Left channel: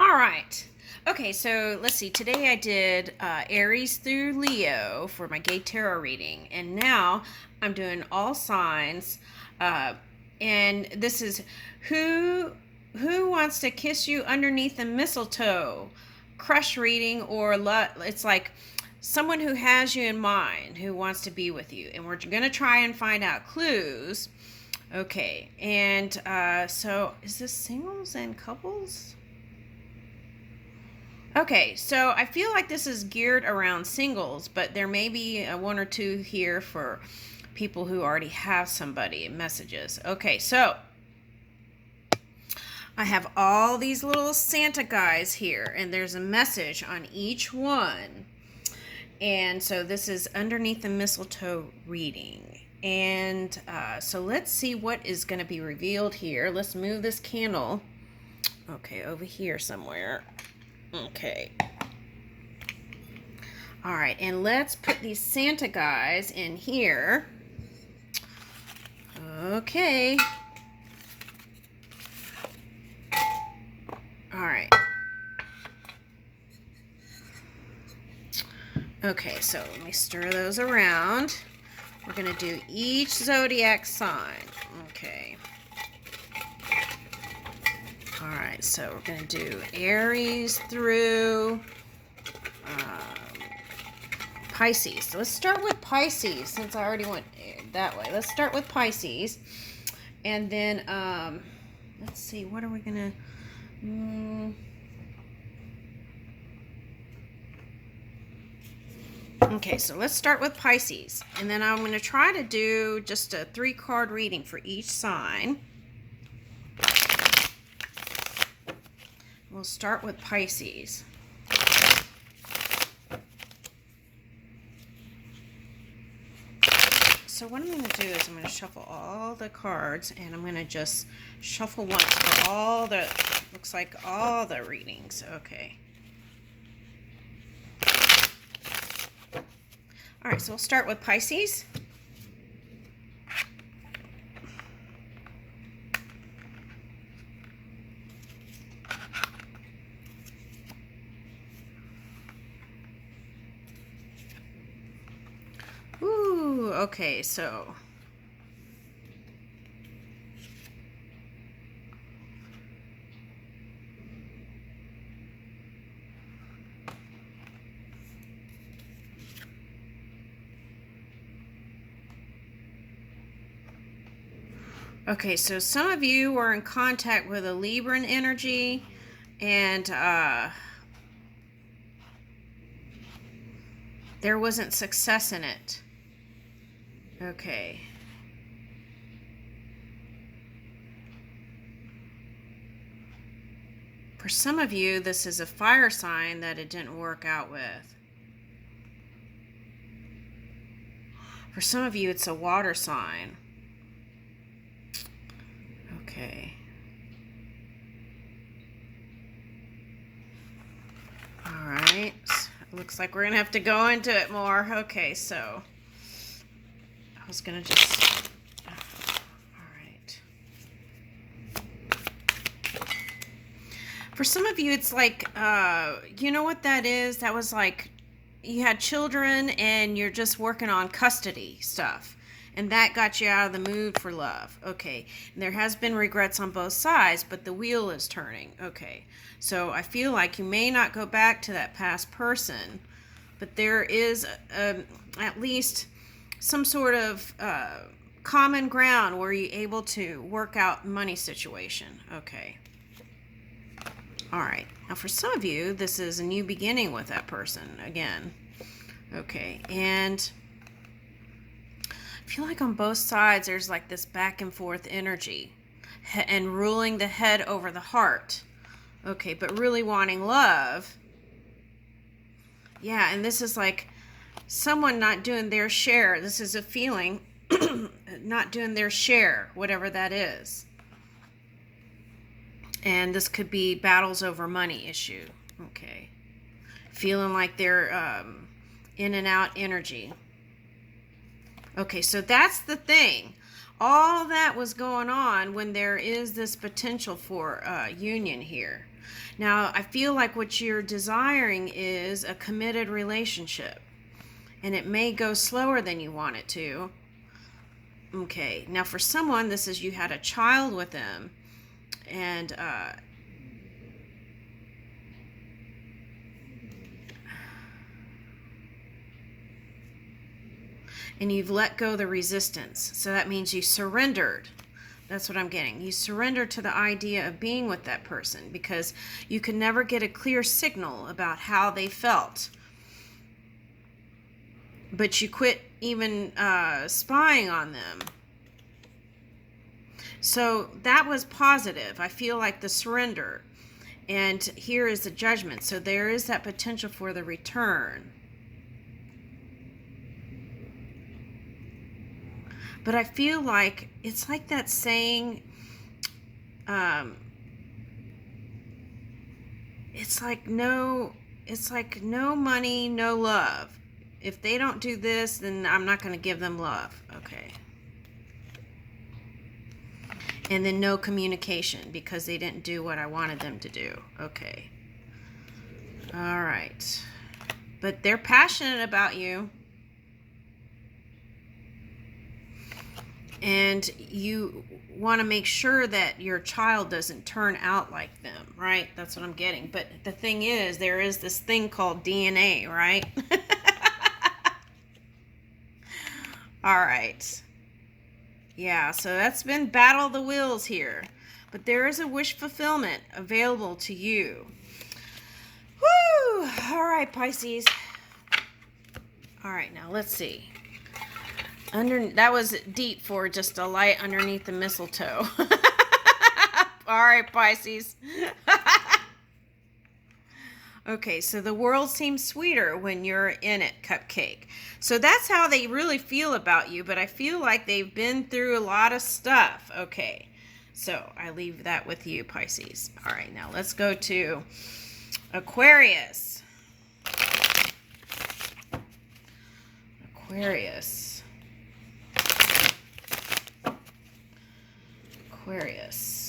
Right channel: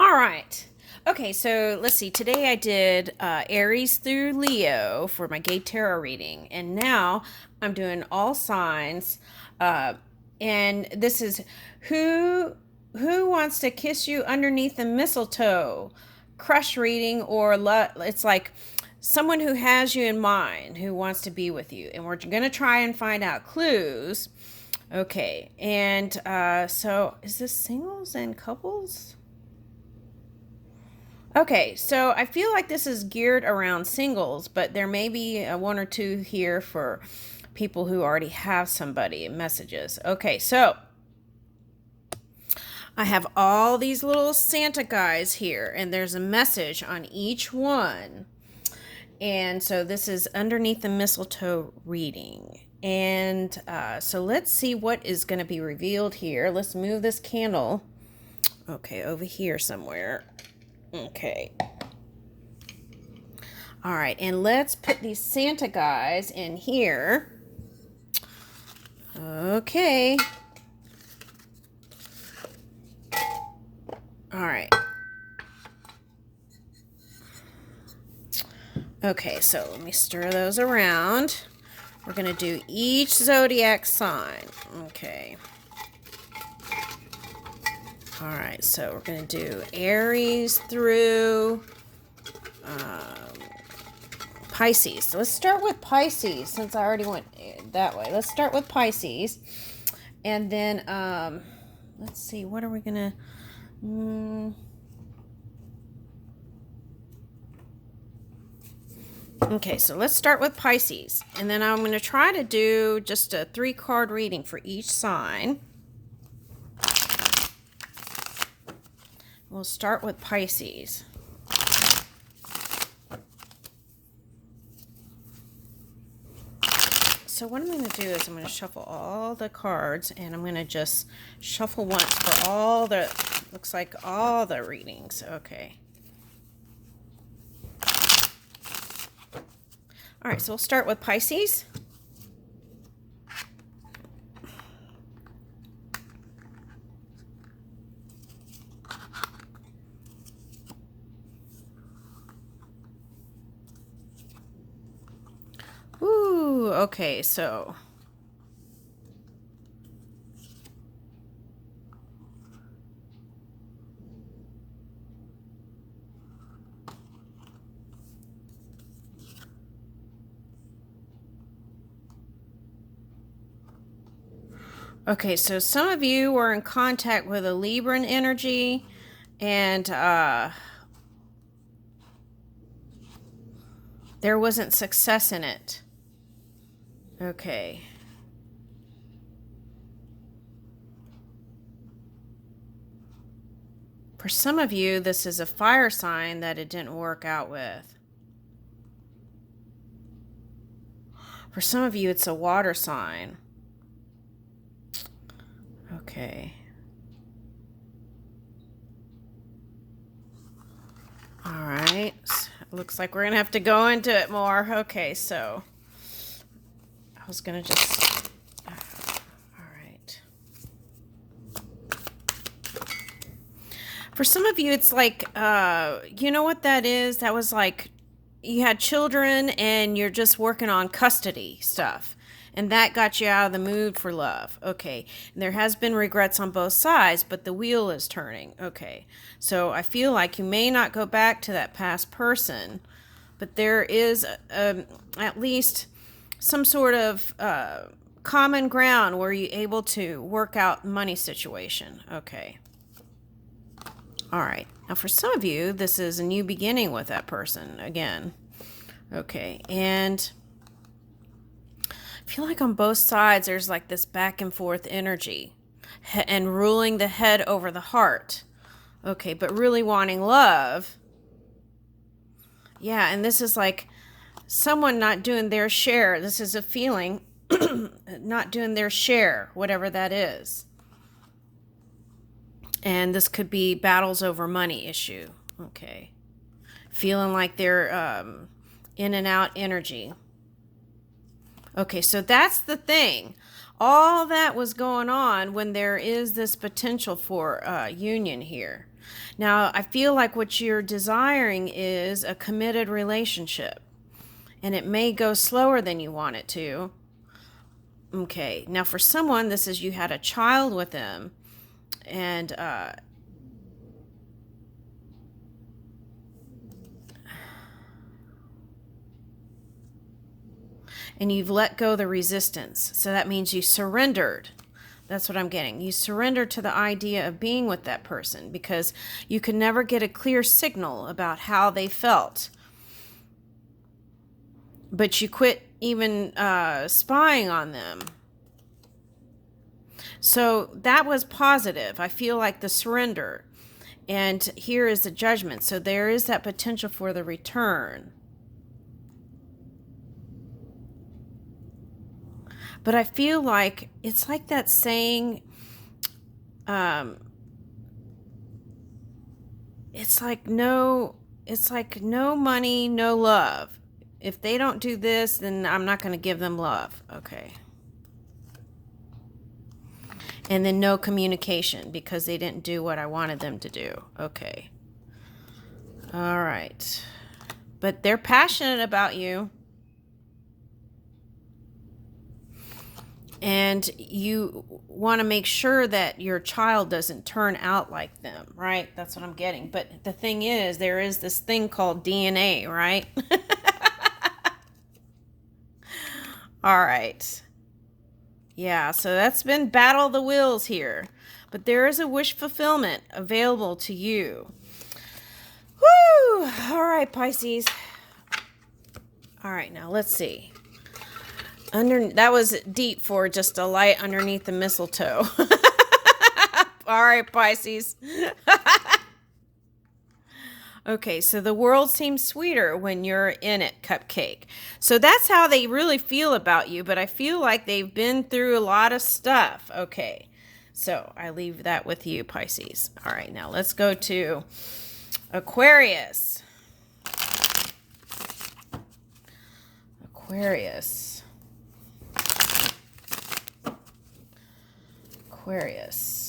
All right. Okay, so let's see. Today I did Aries through Leo for my gay tarot reading, and now I'm doing all signs. Uh, and this is who who wants to kiss you underneath the mistletoe, crush reading, or it's like someone who has you in mind who wants to be with you, and we're gonna try and find out clues. Okay, and so is this singles and couples? Okay, so I feel like this is geared around singles, but there may be one or two here for people who already have somebody in messages. Okay, so I have all these little Santa guys here, and there's a message on each one. And so this is underneath the mistletoe reading. And so let's see what is going to be revealed here. Let's move this candle. Okay, over here somewhere. Okay. All right, and let's put these Santa guys in here. Okay. All right. Okay, so let me stir those around. We're going to do each zodiac sign. Okay. All right, so we're going to do Aries through Pisces. Let's start with Pisces since I already went that way. Let's start with Pisces. And then, let's see, what are we going to... Okay, so let's start with Pisces. And then I'm going to try to do just a 3-card reading for each sign. We'll start with Pisces. So what I'm going to do is I'm going to shuffle all the cards, and I'm going to just shuffle once for all the, looks like all the readings. Okay. All right, so we'll start with Pisces. Ooh, okay, so okay, so some of you were in contact with a Libran energy, and there wasn't success in it. Okay. For some of you, this is a fire sign that it didn't work out with. For some of you, it's a water sign. Okay. All right. Looks like we're going to have to go into it more. Okay, so I was going to just... All right. For some of you, it's like, you know what that is? That was like you had children and you're just working on custody stuff. And that got you out of the mood for love. Okay. And there has been regrets on both sides, but the wheel is turning. Okay. So I feel like you may not go back to that past person, but there is at least some sort of common ground where you're able to work out money situation. Okay. All right. Now for some of you, this is a new beginning with that person again. Okay. And I feel like on both sides there's like this back and forth energy and ruling the head over the heart. Okay, but really wanting love. Yeah, and this is like someone not doing their share. This is a feeling not doing their share, whatever that is. And this could be battles over money issue. Okay. Feeling like they're in and out energy. Okay, so that's the thing. All of that was going on when there is this potential for union here. Now, I feel like what you're desiring is a committed relationship, and it may go slower than you want it to. Okay, now for someone, this is you had a child with them, and you've let go the resistance. So that means you surrendered. That's what I'm getting. You surrendered to the idea of being with that person because you could never get a clear signal about how they felt. But you quit even spying on them. So that was positive. I feel like the surrender. And here is the judgment. So there is that potential for the return. But I feel like it's like that saying, it's like no money, no love. If they don't do this, then I'm not going to give them love. Okay. And then no communication because they didn't do what I wanted them to do. Okay. All right. But they're passionate about you. And you want to make sure that your child doesn't turn out like them, right? That's what I'm getting. But the thing is, there is this thing called DNA, right? All right. Yeah, so that's been battle of the wills here. But there is a wish fulfillment available to you. Woo! All right, Pisces. All right, now let's see. That was deep for just a light underneath the mistletoe. All right, Pisces. Okay, so the world seems sweeter when you're in it, Cupcake. So that's how they really feel about you, but I feel like they've been through a lot of stuff. Okay, so I leave that with you, Pisces. All right, now let's go to Aquarius. Aquarius.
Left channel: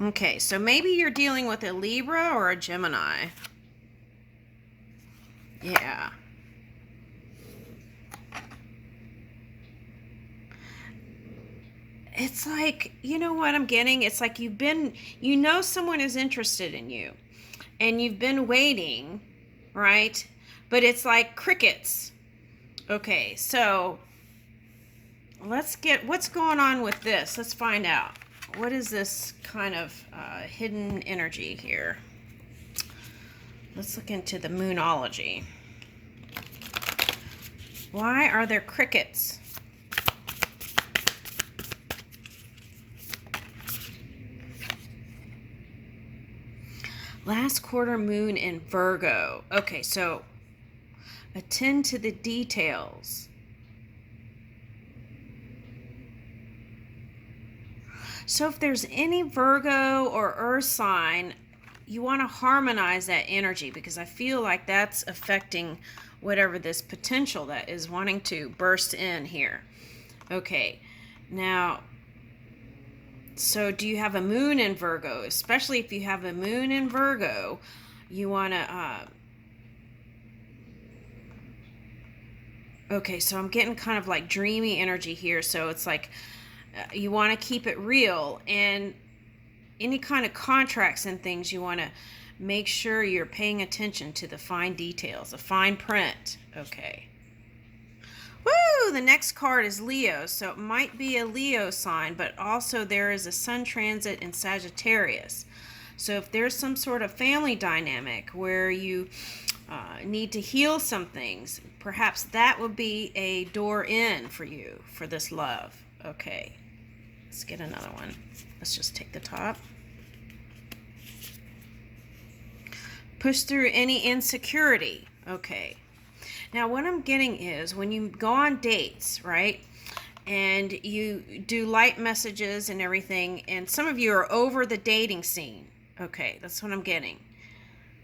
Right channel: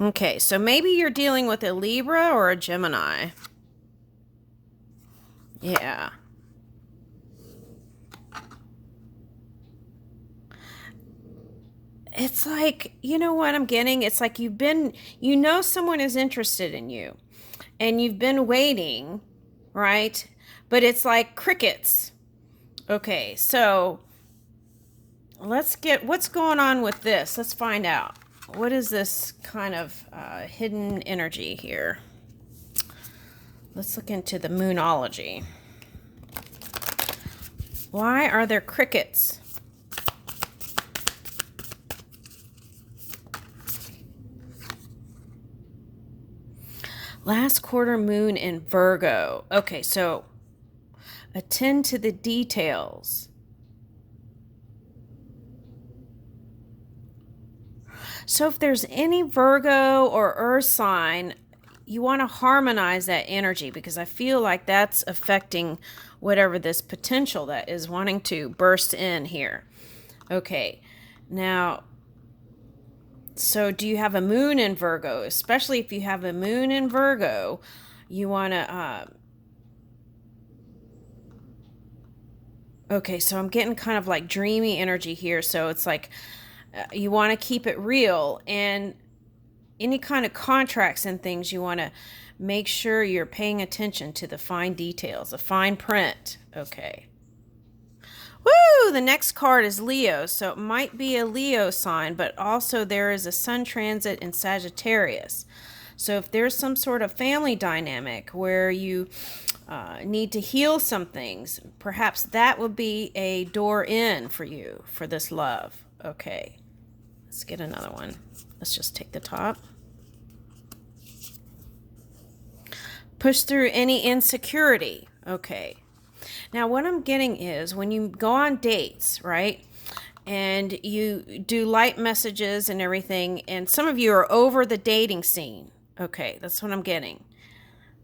Okay, so maybe you're dealing with a Libra or a Gemini. Yeah. It's like, you know what I'm getting? It's like someone is interested in you and you've been waiting, right? But it's like crickets. Okay, so let's get what's going on with this. Let's find out. What is this kind of hidden energy here? Let's look into the moonology. Why are there crickets? Last quarter moon in Virgo. Okay, so attend to the details. So if there's any Virgo or Earth sign, you want to harmonize that energy because I feel like that's affecting whatever this potential that is wanting to burst in here. Okay, now, so do you have a moon in Virgo? Especially if you have a moon in Virgo, you want to... Okay, so I'm getting kind of like dreamy energy here. So it's like you want to keep it real, and any kind of contracts and things, you want to make sure you're paying attention to the fine details, the fine print. Okay. Woo! The next card is Leo. So it might be a Leo sign, but also there is a sun transit in Sagittarius. So if there's some sort of family dynamic where you need to heal some things, perhaps that would be a door in for you for this love. Okay, let's get another one. Let's just take the top. Push through any insecurity. Okay. Now what I'm getting is when you go on dates, right? And you do light messages and everything, and some of you are over the dating scene. Okay, that's what I'm getting.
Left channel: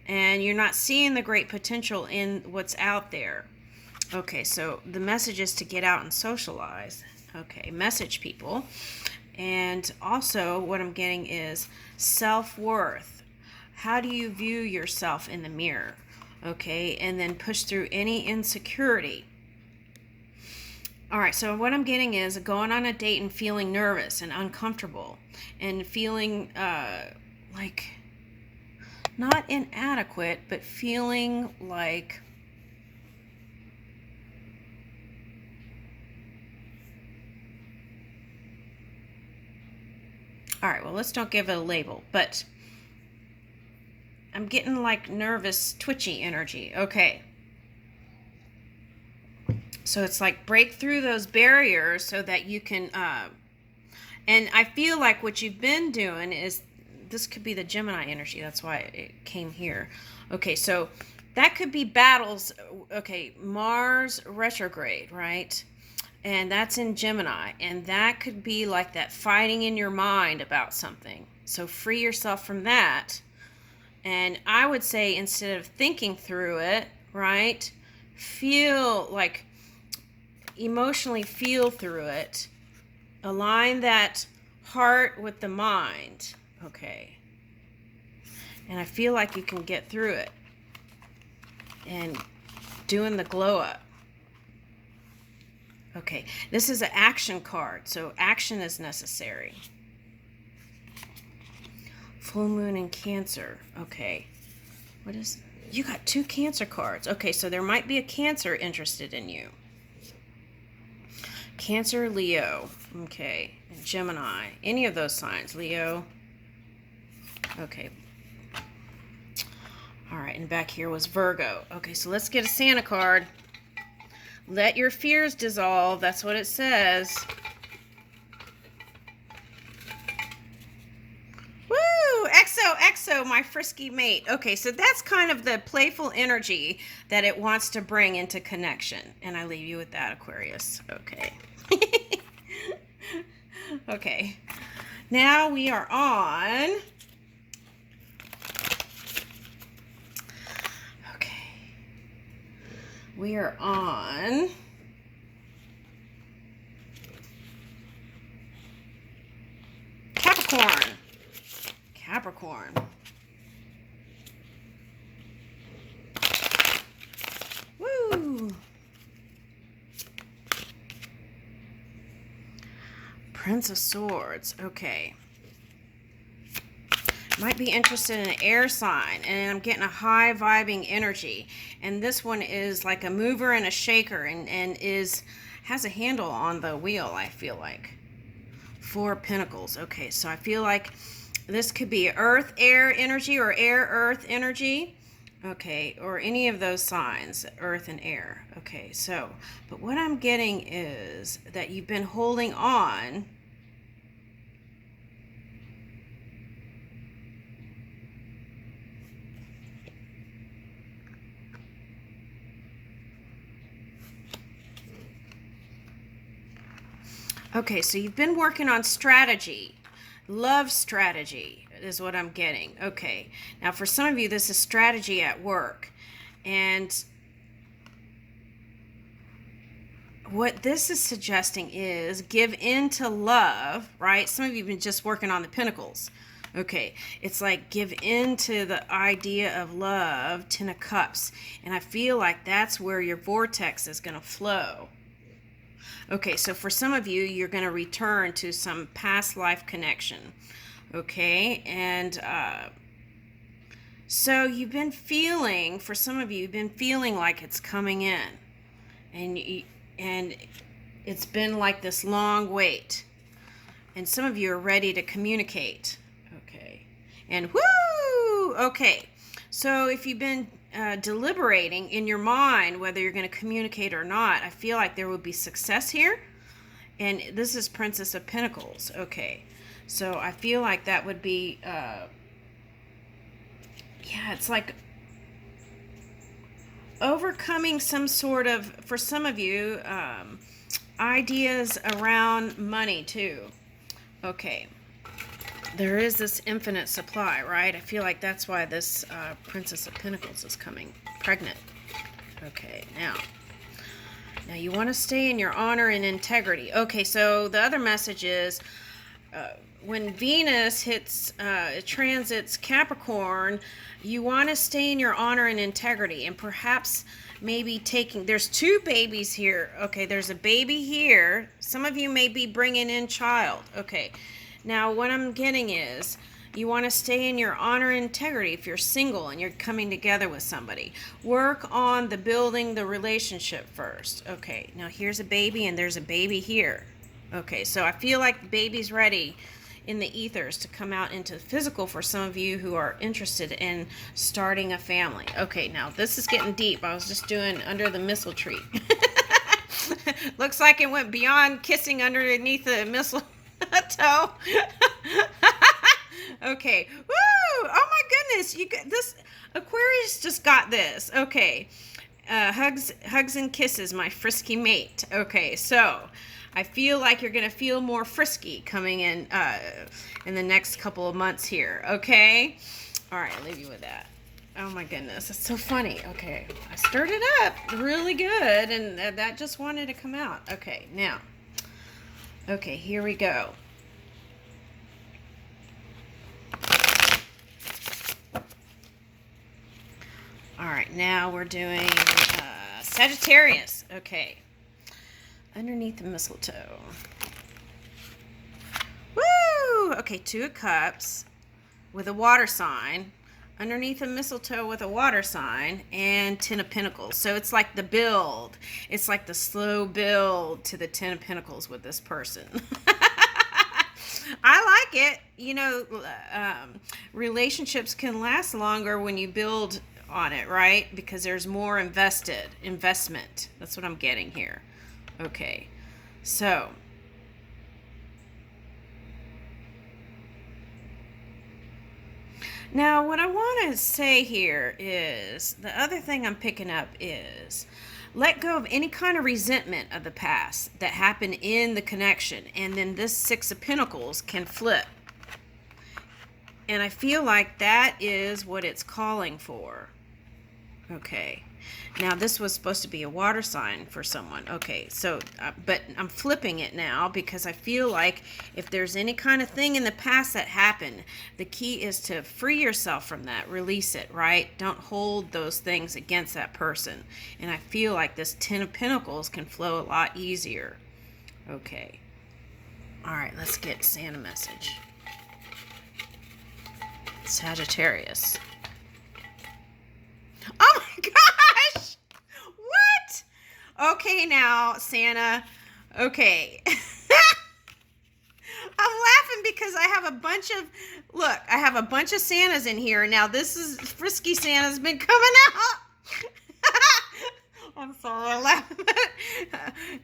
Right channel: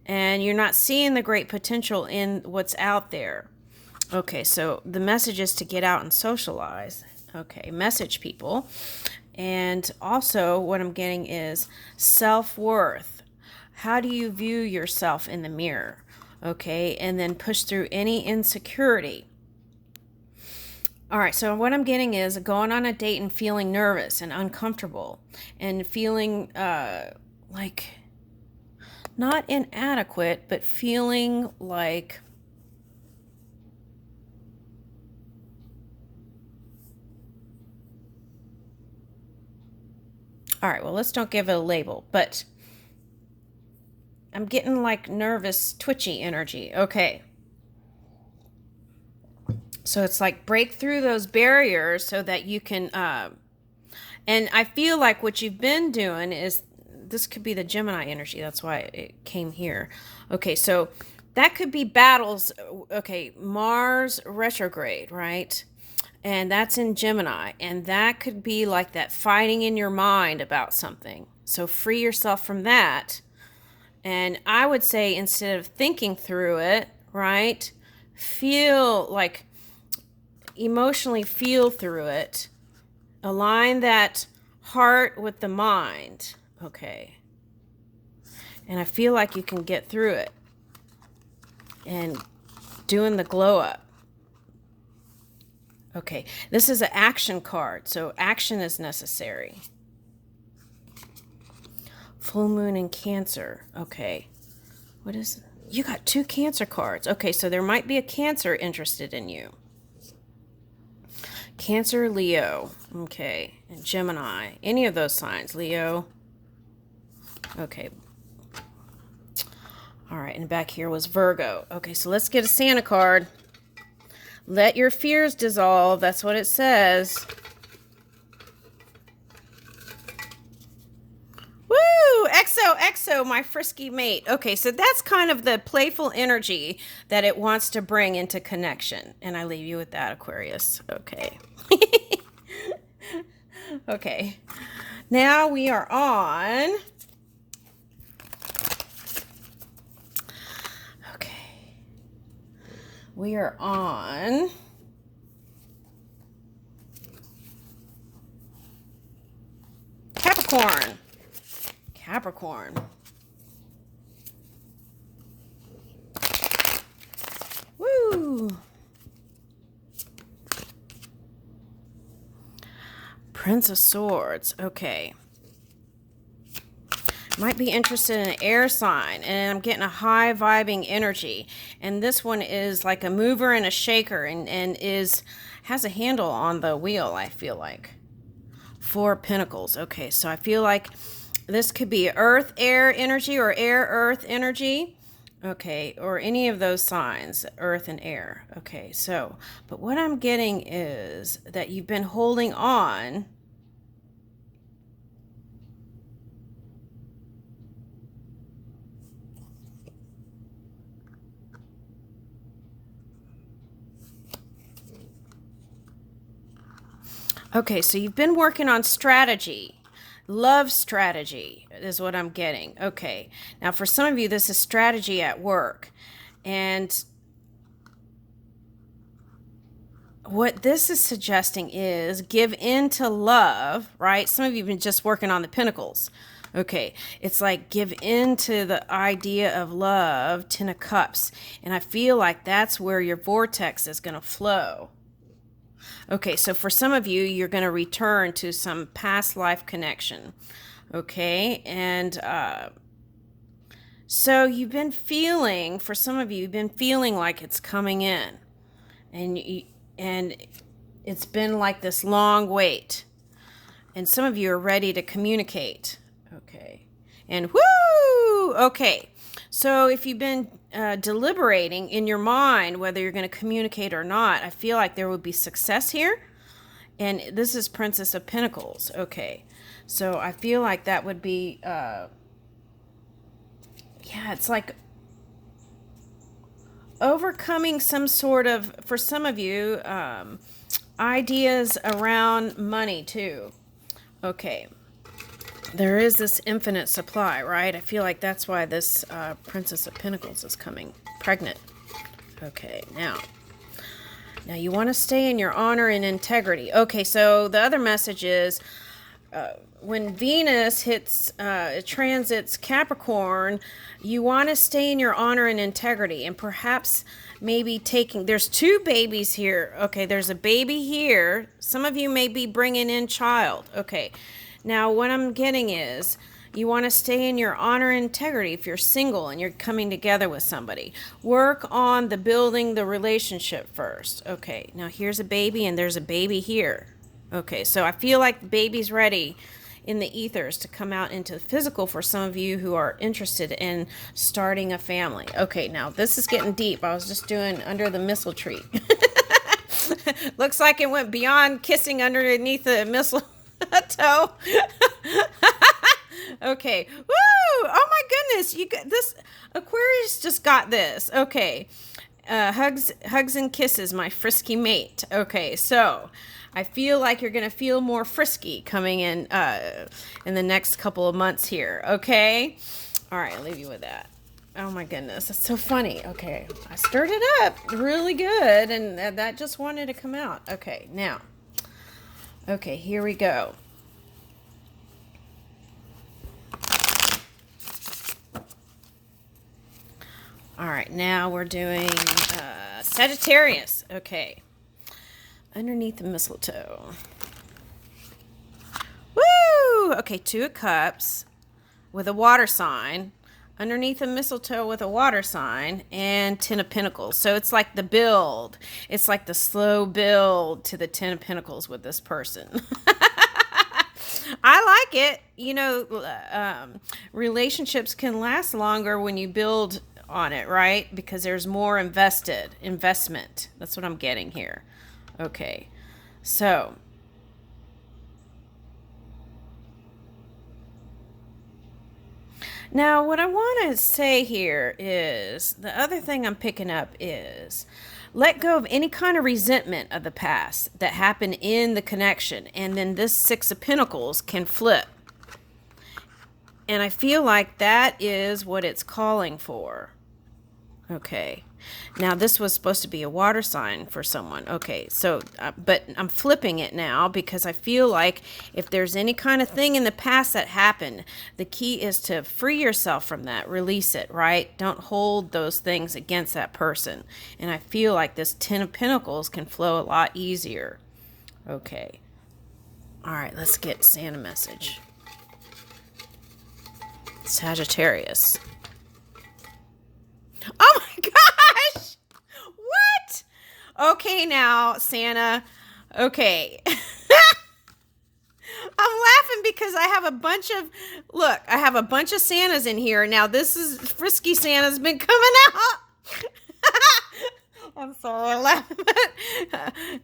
And you're not seeing the great potential in what's out there. Okay, so the message is to get out and socialize. Okay, message people. And also what I'm getting is self-worth. How do you view yourself in the mirror? Okay, and then push through any insecurity. All right, so what I'm getting is going on a date and feeling nervous and uncomfortable and feeling like not inadequate, but feeling like all right, well, let's don't give it a label, but I'm getting like nervous, twitchy energy. Okay. So it's like break through those barriers so that you can, and I feel like what you've been doing is, this could be the Gemini energy. That's why it came here. Okay, so that could be battles. Okay, Mars retrograde, right? And that's in Gemini. And that could be like that fighting in your mind about something. So free yourself from that. And I would say instead of thinking through it, right, feel like emotionally feel through it. Align that heart with the mind. Okay. And I feel like you can get through it. And doing the glow up. Okay. This is an action card. So action is necessary. Full moon in Cancer. Okay. What is... You got 2 Cancer cards. Okay, so there might be a Cancer interested in you. Cancer, Leo. Okay. And Gemini. Any of those signs. Leo. Okay. All right. And back here was Virgo. Okay, so let's get a Santa card. Let your fears dissolve. That's what it says. Woo! XO, my frisky mate. Okay, so that's kind of the playful energy that it wants to bring into connection. And I leave you with that, Aquarius. Okay. Okay. Now we are on... Okay. We are on... Capricorn. Capricorn. Woo! Prince of Swords. Okay. Might be interested in an air sign, and I'm getting a high vibing energy. And this one is like a mover and a shaker, and has a handle on the wheel, I feel like. 4 Pentacles. Okay, so I feel like this could be earth, air energy, or air, earth energy. Okay, or any of those signs, earth and air. Okay, so, but what I'm getting is that you've been holding on. Okay, so you've been working on strategy. Love strategy is what I'm getting. Okay, now for some of you, this is strategy at work. And what this is suggesting is give in to love, right? Some of you have been just working on the Pentacles. Okay, it's like give in to the idea of love, 10 of Cups. And I feel like that's where your vortex is going to flow. Okay, so for some of you, you're going to return to some past life connection. Okay, and so you've been feeling, for some of you, you've been feeling like it's coming in. And it's been like this long wait. And some of you are ready to communicate. Okay, and woo! Okay, so if you've been deliberating in your mind whether you're going to communicate or not, I feel like there would be success here. And this is Princess of Pentacles. Okay, so I feel like that would be yeah, it's like overcoming some sort of, for some of you, ideas around money too. Okay, there is this infinite supply, right? I feel like that's why this Princess of Pentacles is coming pregnant. Okay, now Now you want to stay in your honor and integrity. Okay, so the other message is when Venus transits Capricorn, you want to stay in your honor and integrity, and perhaps maybe there's two babies here. Okay, there's a baby here. Some of you may be bringing in child. Okay, now what I'm getting is you want to stay in your honor and integrity if you're single and you're coming together with somebody. Work on building the relationship first. Okay, now here's a baby and there's a baby here. Okay, so I feel like the baby's ready in the ethers to come out into physical for some of you who are interested in starting a family. Okay, now this is getting deep. I was just doing under the mistletoe tree. Looks like it went beyond kissing underneath the mistletoe. Okay. Woo! Oh my goodness. This Aquarius just got this. Okay. Hugs and kisses, my frisky mate. Okay, so I feel like you're gonna feel more frisky coming in the next couple of months here. Okay. All right, I'll leave you with that. Oh my goodness, that's so funny. Okay, I stirred it up really good, and that just wanted to come out. Okay, now. Okay, here we go. All right, now we're doing Sagittarius. Okay. Underneath the mistletoe. Woo! Okay, 2 of Cups with a water sign. Underneath the mistletoe with a water sign. And 10 of Pentacles. So it's like the build. It's like the slow build to the 10 of Pentacles with this person. I like it. You know, relationships can last longer when you build on it, right? Because there's more investment. That's what I'm getting here. Okay, so now what I want to say here is the other thing I'm picking up is let go of any kind of resentment of the past that happened in the connection, and then this 6 of Pentacles can flip. And I feel like that is what it's calling for. Okay. Now, this was supposed to be a water sign for someone. Okay, so, but I'm flipping it now because I feel like if there's any kind of thing in the past that happened, the key is to free yourself from that, release it, right? Don't hold those things against that person. And I feel like this 10 of Pentacles can flow a lot easier. Okay. All right, let's get Santa message. Sagittarius. Oh my gosh! What? Okay, now, Santa. Okay. I'm laughing because I have a bunch of Santas in here. Now, this is Frisky Santa's been coming out. I'm sorry, I'm laughing.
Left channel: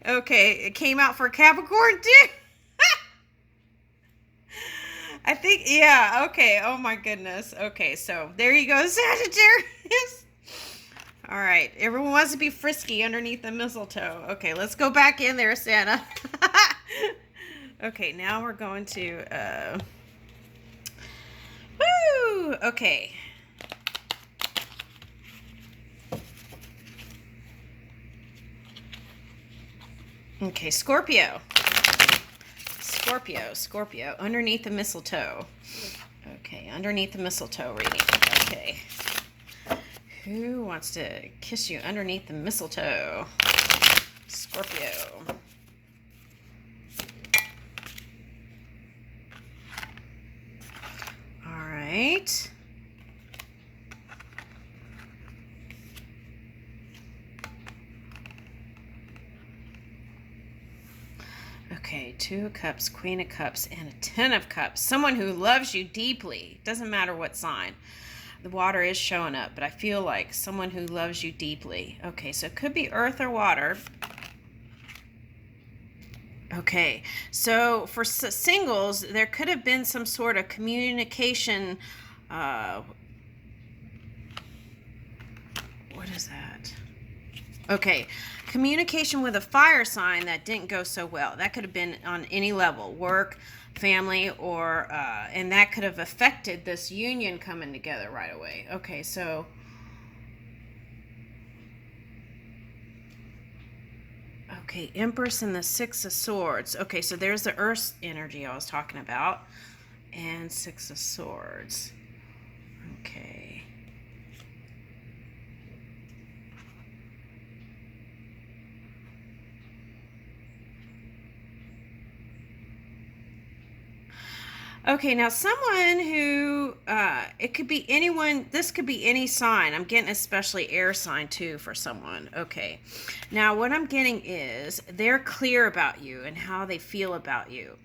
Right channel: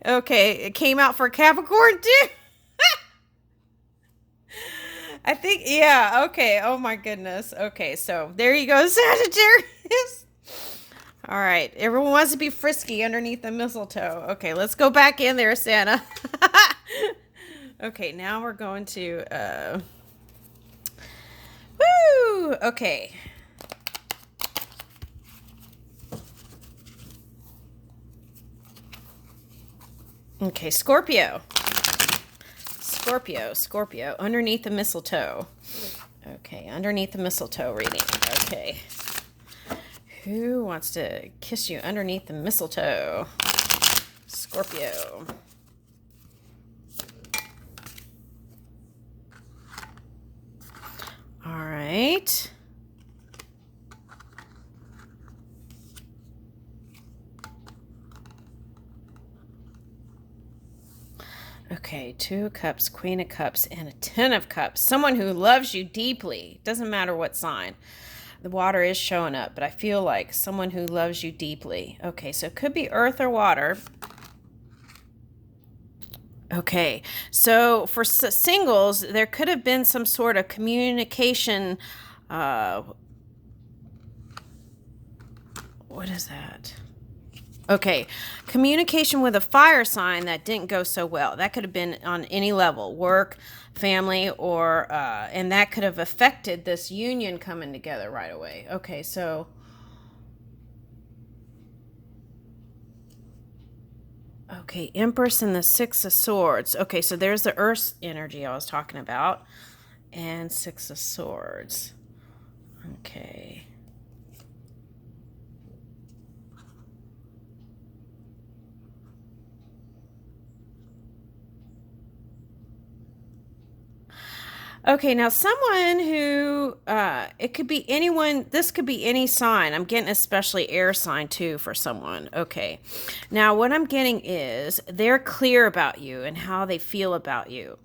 Okay, it came out for Capricorn, too. I think, yeah, okay. Oh, my goodness. Okay, so there you go, Sagittarius. All right, everyone wants to be frisky underneath the mistletoe. Okay, let's go back in there, Santa. Okay, now we're going to, woo! Okay. Okay, Scorpio, underneath the mistletoe. Okay, underneath the mistletoe reading. Okay. Who wants to kiss you underneath the mistletoe? Scorpio. All right. Okay, 2 of Cups, Queen of Cups, and a 10 of Cups. Someone who loves you deeply. Doesn't matter what sign. The water is showing up, but I feel like someone who loves you deeply. Okay, so it could be earth or water. Okay, so for singles, there could have been some sort of communication. What is that? Okay, communication with a fire sign that didn't go so well. That could have been on any level, work, family, or and that could have affected this union coming together right away. Okay, so Okay, Empress and the Six of Swords. Okay, so there's the Earth energy I was talking about. And Six of Swords. Okay. Okay, now someone who, it could be anyone, this could be any sign. I'm getting especially air sign too for someone. Okay. Now what I'm getting is they're clear about you and how they feel about you.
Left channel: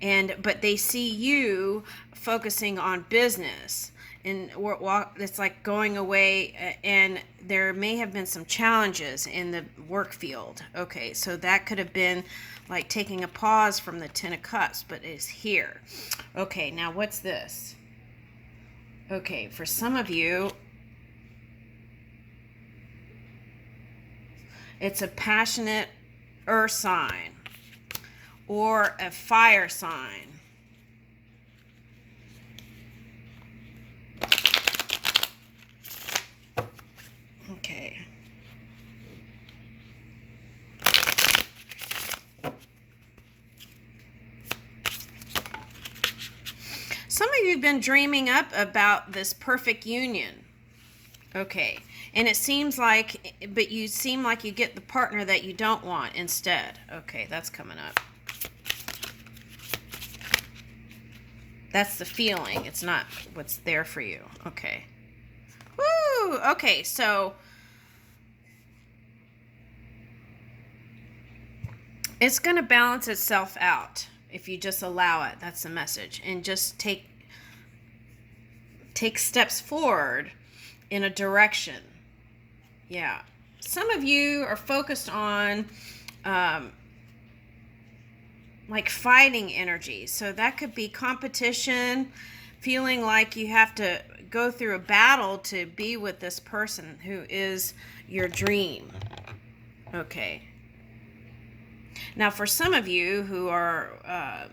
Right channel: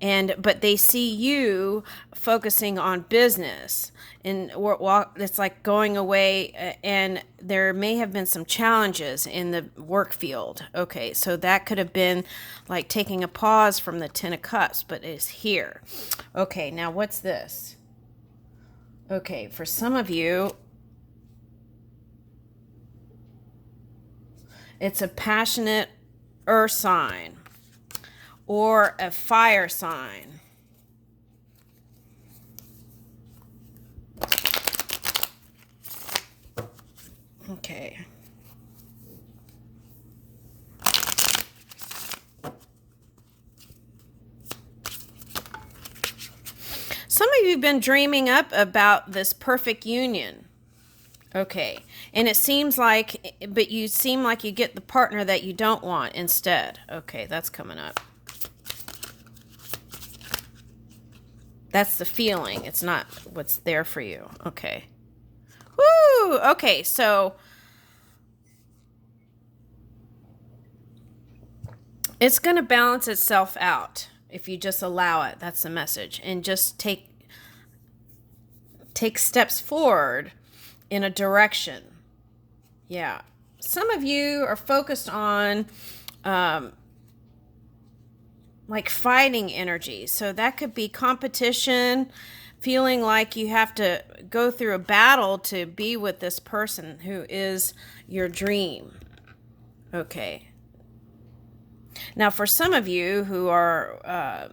But they see you focusing on business. And it's like going away, and there may have been some challenges in the work field. Okay, so that could have been like taking a pause from the Ten of Cups, but it's here. Okay, now what's this? Okay, for some of you, it's a passionate earth sign or a fire sign. Okay. Some of you have been dreaming up about this perfect union. Okay. And it seems like, but you seem like you get the partner that you don't want instead. Okay, that's coming up. That's the feeling. It's not what's there for you. Okay. Woo! Okay, so it's going to balance itself out if you just allow it. That's the message. And just take steps forward in a direction. Yeah. Some of you are focused on like fighting energy. So that could be competition, feeling like you have to go through a battle to be with this person who is your dream. Okay. Now, for some of you who are,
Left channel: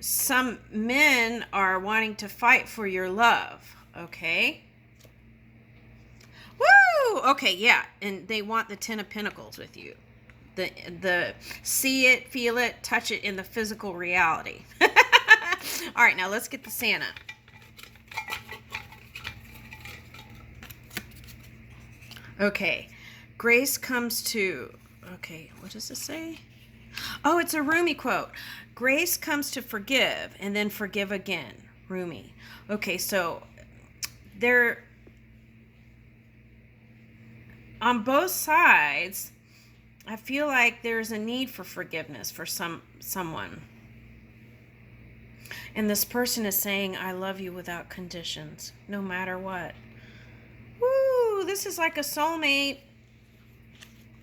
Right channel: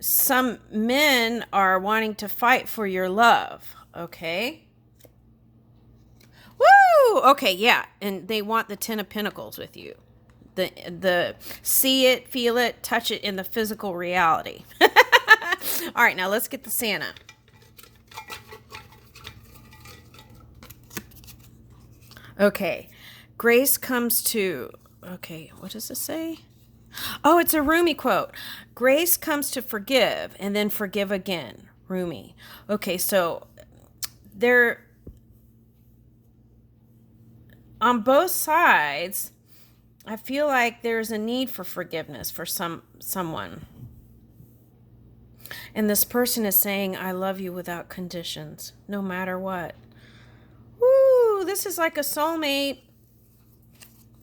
some men are wanting to fight for your love. Okay. Woo! Okay, yeah. And they want the Ten of Pentacles with you. The see it, feel it, touch it in the physical reality. All right, now let's get the Santa. Okay. Grace comes to... Okay, what does it say? Oh, it's a Rumi quote. Grace comes to forgive and then forgive again. Rumi. Okay, so they're on both sides. I feel like there's a need for forgiveness for someone. And this person is saying, I love you without conditions, no matter what. Woo, this is like a soulmate.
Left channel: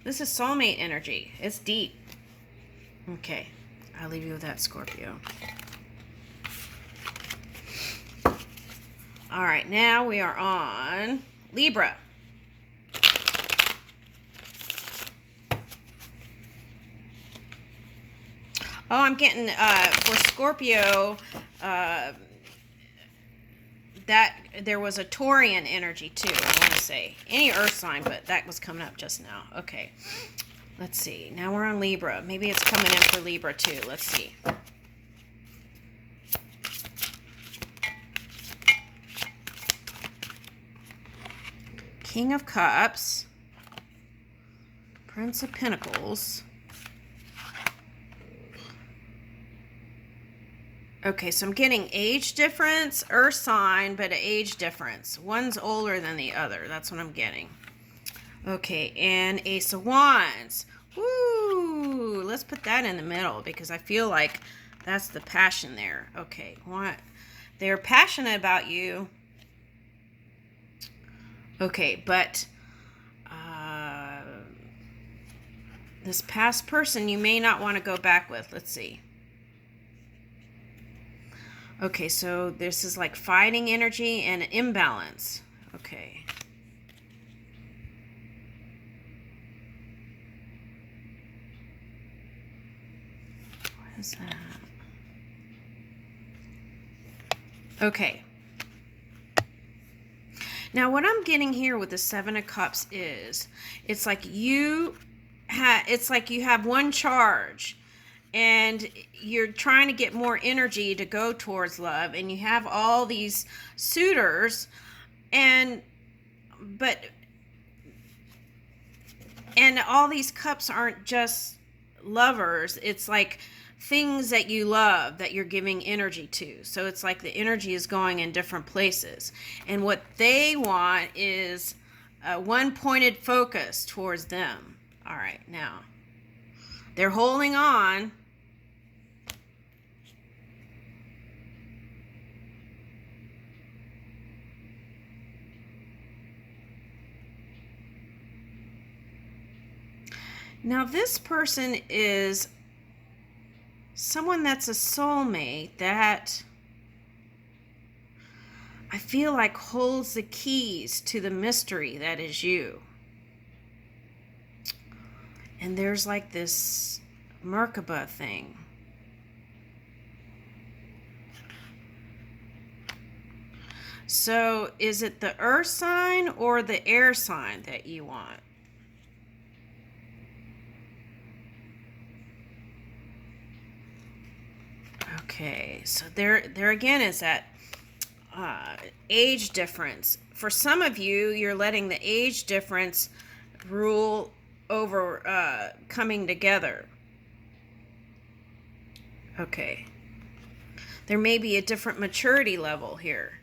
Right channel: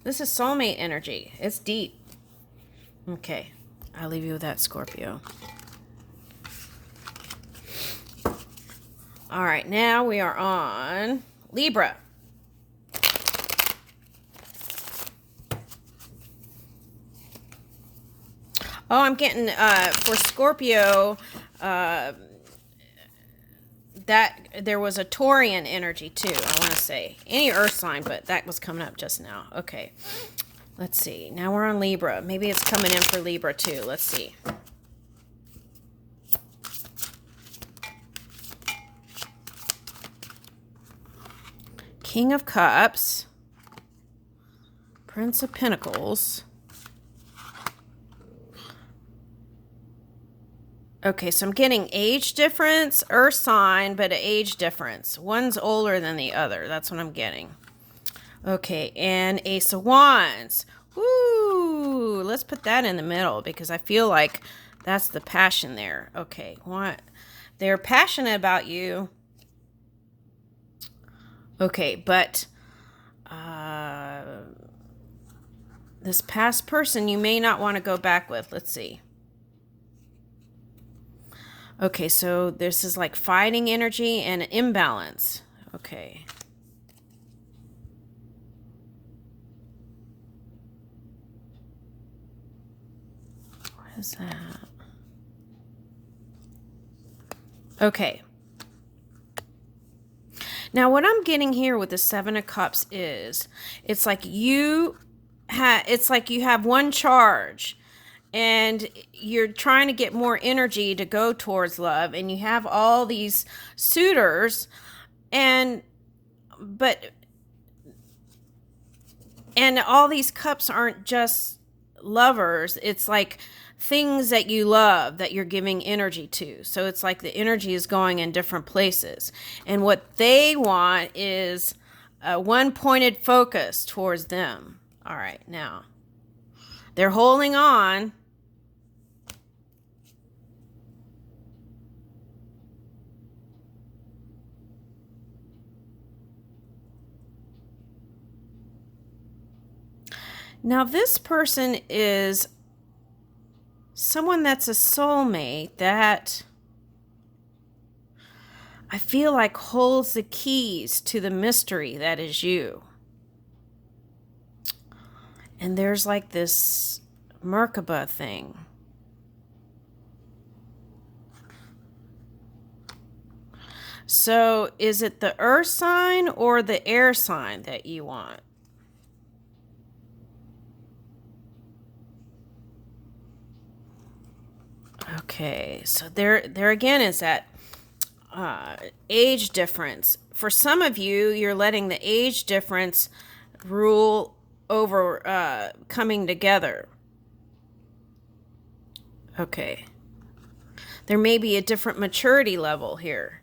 This is soulmate energy. It's deep. Okay, I'll leave you with that, Scorpio. All right, now we are on Libra. Oh, I'm getting, for Scorpio, that there was a Taurian energy too, I want to say. Any earth sign, but that was coming up just now. Okay, let's see. Now we're on Libra. Maybe it's coming in for Libra too. Let's see. King of Cups. Prince of Pentacles. Okay, so I'm getting age difference, earth sign, but an age difference. One's older than the other. That's what I'm getting. Okay, and Ace of Wands. Woo! Let's put that in the middle because I feel like that's the passion there. Okay, what? They're passionate about you. Okay, but this past person you may not want to go back with. Let's see. Okay, so this is like fighting energy and imbalance. Okay. What is that? Okay. Now what I'm getting here with the Seven of Cups is, it's like you it's like you have one charge and you're trying to get more energy to go towards love, and you have all these suitors, and but and all these cups aren't just lovers. It's like things that you love that you're giving energy to. So it's like the energy is going in different places, and what they want is a one pointed focus towards them. All right, now they're holding on. Now, this person is someone that's a soulmate that I feel like holds the keys to the mystery that is you. And there's like this Merkaba thing. So is it the earth sign or the air sign that you want? Okay, so there again is that age difference. For some of you, you're letting the age difference rule over coming together. Okay. There may be a different maturity level here.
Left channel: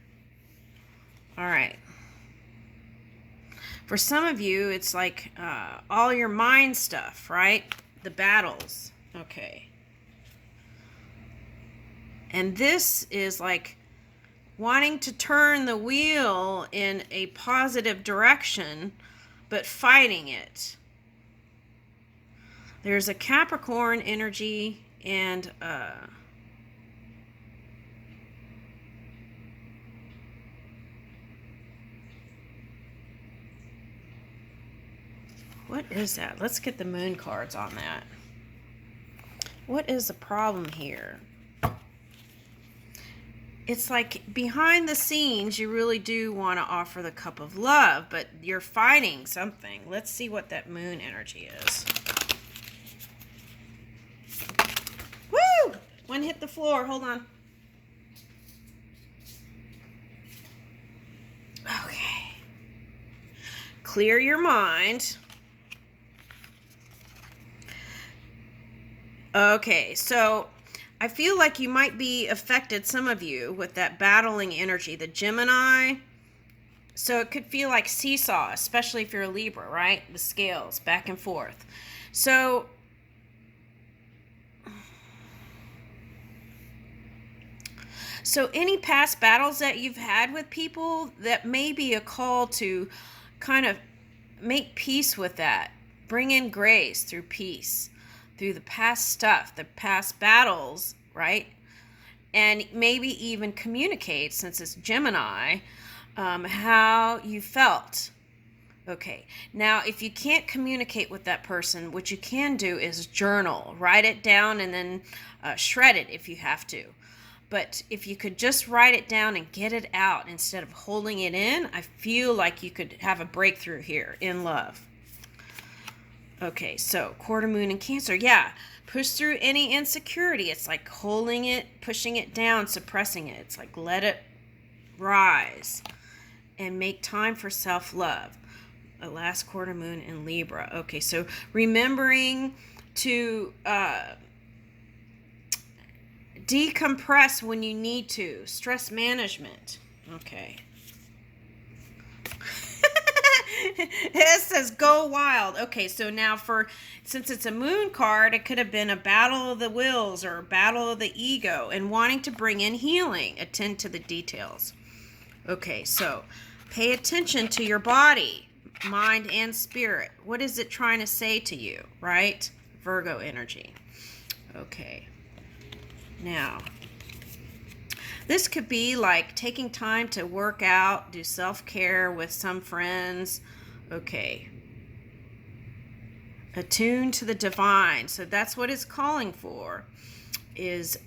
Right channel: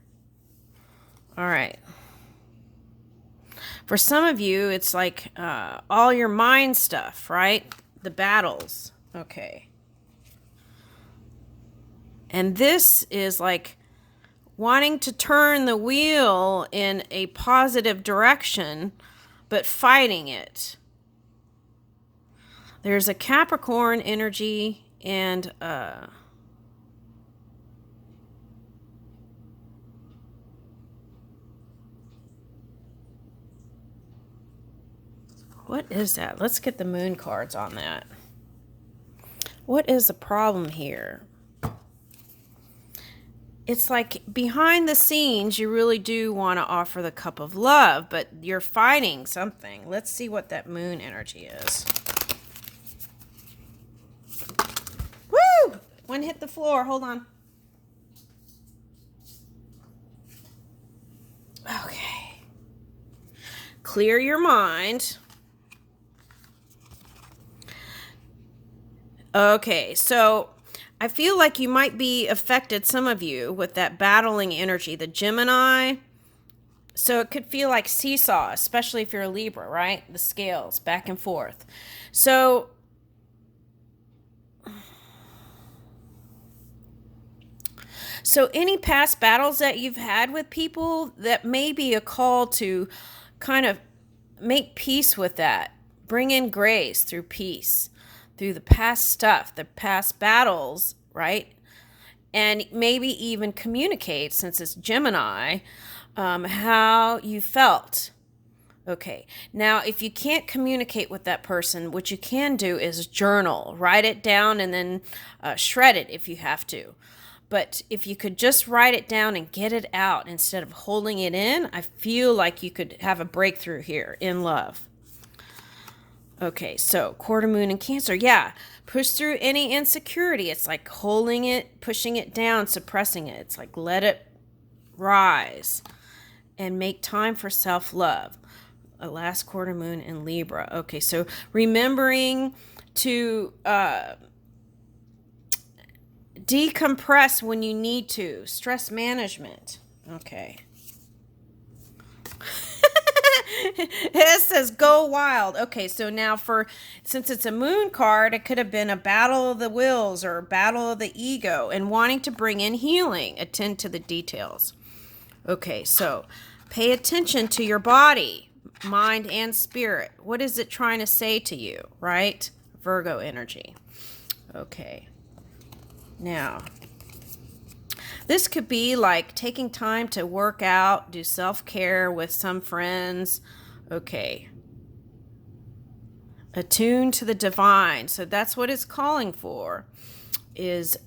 All right. For some of you, it's like all your mind stuff, right? The battles. Okay. And this is like wanting to turn the wheel in a positive direction, but fighting it. There's a Capricorn energy and what is that? Let's get the moon cards on that. What is the problem here? It's like behind the scenes, you really do want to offer the cup of love, but you're fighting something. Let's see what that moon energy is. Woo! One hit the floor. Hold on. Okay. Clear your mind. Okay, so I feel like you might be affected, some of you, with that battling energy, the Gemini. So it could feel like seesaw, especially if you're a Libra, right? The scales back and forth. So any past battles that you've had with people, that may be a call to kind of make peace with that. Bring in grace through peace, through the past stuff, the past battles, right? And maybe even communicate, since it's Gemini, how you felt. Okay, now if you can't communicate with that person, what you can do is journal, write it down, and then shred it if you have to. But if you could just write it down and get it out instead of holding it in, I feel like you could have a breakthrough here in love. Okay, so quarter moon in Cancer. Yeah, push through any insecurity. It's like holding it, pushing it down, suppressing it. It's like let it rise and make time for self-love. A last quarter moon in Libra. Okay, so remembering to decompress when you need to. Stress management. Okay. It says go wild. Okay, so now since it's a moon card, it could have been a battle of the wills or a battle of the ego, and wanting to bring in healing. Attend to the details. Okay, so pay attention to your body, mind, and spirit. What is it trying to say to you, right? Virgo energy. Okay. Now, this could be like taking time to work out, do self-care with some friends. Okay. Attune to the divine. So that's what it's calling for, is